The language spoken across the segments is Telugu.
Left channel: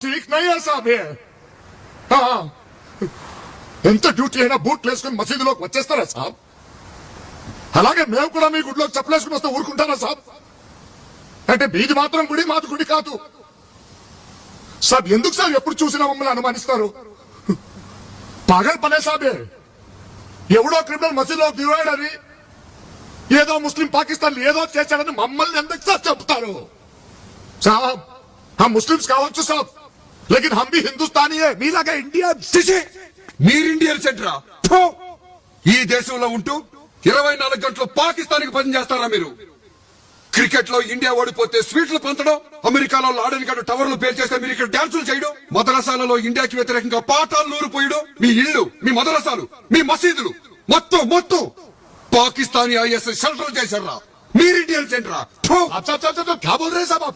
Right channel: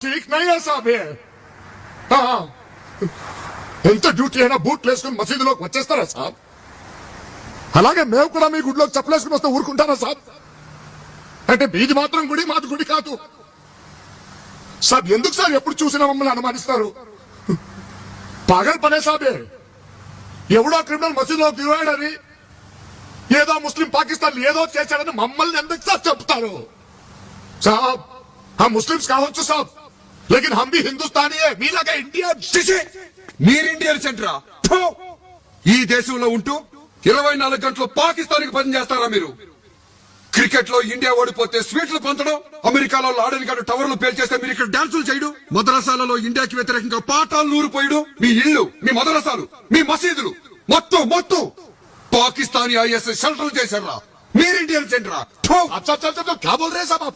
ठीक नहीं है साहब ये ఎంత డ్యూటీ అయినా బూట్లు వేసుకుని మసీదులోకి వచ్చేస్తారా సాబ్? అలాగే మేము కూడా మీ గుడిలోకి చెప్పలేసుకుని వస్తే ఊరుకుంటారా సాబ్? అంటే మీది మాత్రం గుడి, మాది గుడి కాదు సాబ్. ఎందుకు సార్ ఎప్పుడు చూసినా మమ్మల్ని అనుమానిస్తారు? పాగల్ పనే సాబే. ఎవడో క్రిమినల్ మసీదులోకి దిగాడని, ఏదో ముస్లిం పాకిస్తాన్ ఏదో చేశాడని మమ్మల్ని ఎందుకు సార్ చెప్తారు సాబ్? हम मुस्लिम्स కావచ్చు సాబ్, लेकिन हम भी हिंदुस्तानी है, మీలాగా ఇండియా. మీరు ఇండియన్ సెంటరా? ఈ దేశంలో ఉంటూ 24 గంటలు పాకిస్తాన్ కి పని చేస్తారా మీరు? క్రికెట్ లో ఇండియా ఓడిపోతే స్వీట్లు పంచడం, అమెరికాలో లాడెన్ గారు టవర్లు పేల్చేస్తే మీరు ఇక్కడ డాన్సులు చేయడం, మదరసాలలో ఇండియాకి వ్యతిరేకంగా పాఠాలు నూరిపోయడం, మీ ఇళ్లు, మీ మదరసాలు, మీ మసీదులు మొత్తం పాకిస్తానీ ఐఎస్ షెల్టర్ చేశారా? మీరు ఇండియన్ సెంటరా? క్యా బోల్ రే సాబ్?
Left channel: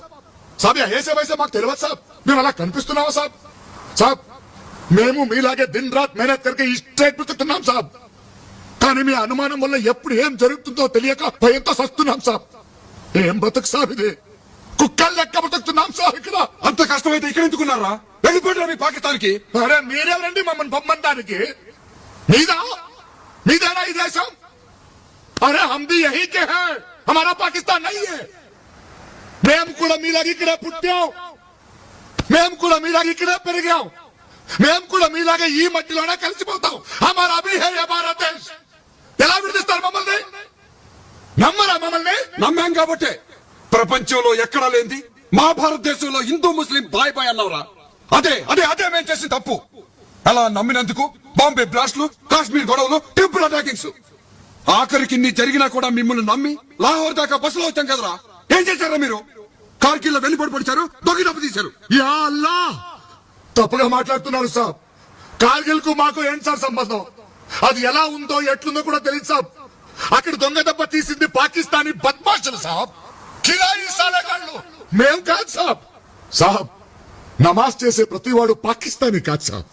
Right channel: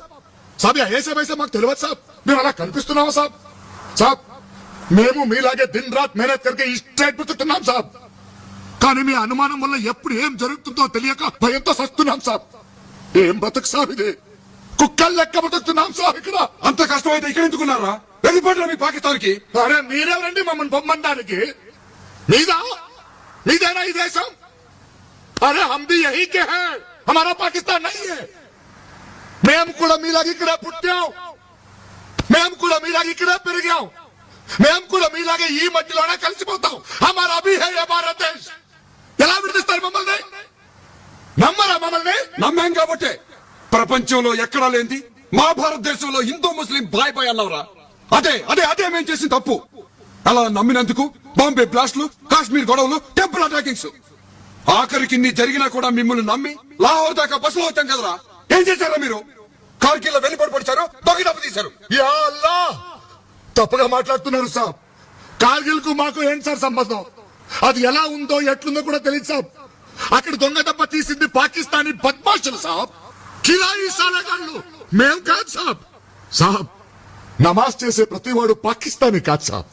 సాబ్ ఐఎస్ఏ వైసే మాకు తెలియదు సాబ్. మేము అలా కనిపిస్తున్నామా సాబ్? సాబ్ మేము మీలాగే దిన్ రాత్ మెహనత్ కరికే ఈ స్ట్రైట్ బతుకుతున్నాం సాబ్. కానీ మీ అనుమానం వల్ల ఎప్పుడు ఏం జరుగుతుందో తెలియక భయంతో సస్తున్నాం సాబ్. ఏం బతుకు సాబ్ ఇది? కుక్కలు లెక్క బతుకుతున్నాం సాబ్ ఇక్కడ. అంత కష్టమైతే ఇక్కడ ఎందుకున్నారా? వెళ్ళిపోయారా మీ పాకిస్తాన్ కి? అరే మీరెవరండి మమ్మల్ని పొమ్మంటానికి? మీదేనా ఈ దేశం? అరే హమ్ భీ యహీ కే హై, హమారా పాకిస్తాన్ నహీ హై. మేము కూడా మీలాగా ఇక్కడే పుట్టాం, మేము కూడా మీలాగా ఇక్కడే పెరిగాం, మేము కూడా మీలాగే ఈ మట్టిలోనే కలిసిపోతాం. హమారా భీ హై యే భారత్ దేశ్. ఎలా విడదీస్తారు మమ్మల్ని? నమ్మరా మమ్మల్ని? నమ్మాం కాబట్టే ప్రపంచంలో ఎక్కడా లేంది మా భారతదేశంలో హిందూ ముస్లిం బాయ్ బాయ్ అన్నవరా? అదే మేము చేసిన తప్పు. అలా నమ్మినందుకు బాంబే బ్లాస్ట్లు, కాశ్మీర్ గొడవలు, టెంపుల్ అటాకింగ్స్, ఆఖరికి ఇన్ని జరిగినా కూడా మిమ్మల్ని నమ్మి లాహోర్ దాకా బస్సులో వచ్చాం కదరా. ఏం చేశారా మీరు? కార్గిల్ లో వెనుపడి పడిచారు, దొంగ డబ్బు తీశారు. యా అల్లా, తప్పుగా మాట్లాడుతున్నారు సాబ్. కార్గిల్ కు మాకు ఏంటి సార్ సంబంధం? అది ఎలా ఉందో ఎట్లుందో కూడా తెలియదు సాబ్. అక్కడ దొంగ దెబ్బ తీసింది పాకిస్తానీ బద్మాషులు సాబ్, కిరాయి సాలగాళ్ళు, మేం కాదు సాబ్. సాబ్ నమాజ్ చేసే ప్రతివాడు పాకిస్తానీ కాదు సాబ్.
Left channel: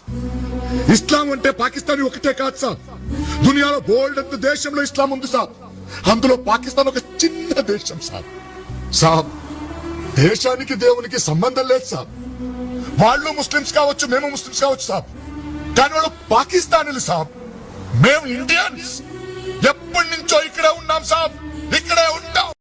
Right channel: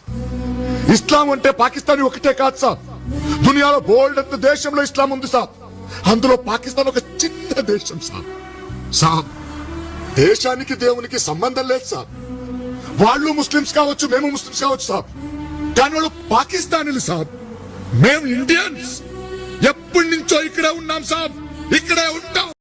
ఇస్లాం అంటే పాకిస్తానీ ఒకటే కాదు సాబ్. దునియాలో బోల్డ్ అంత దేశంలో ఇస్లాం ఉంది సాబ్. అందులో పాకిస్తాన్ ఒక చిన్న దేశం సాబ్. సాబ్ దేశానికి దేవునికి సంబంధం లేదు సాబ్. వాళ్ళు ముస్లిమ్స్ కావచ్చు, మేము ముస్లిమ్స్ కావచ్చు సాబ్, కానీ వాళ్ళు పాకిస్తానీలు సాబ్. మేము ఇండియన్స్. ఎప్పటి నుంచో ఇక్కడే ఉన్నాం సాబ్, ఇక్కడే ఉంటాం.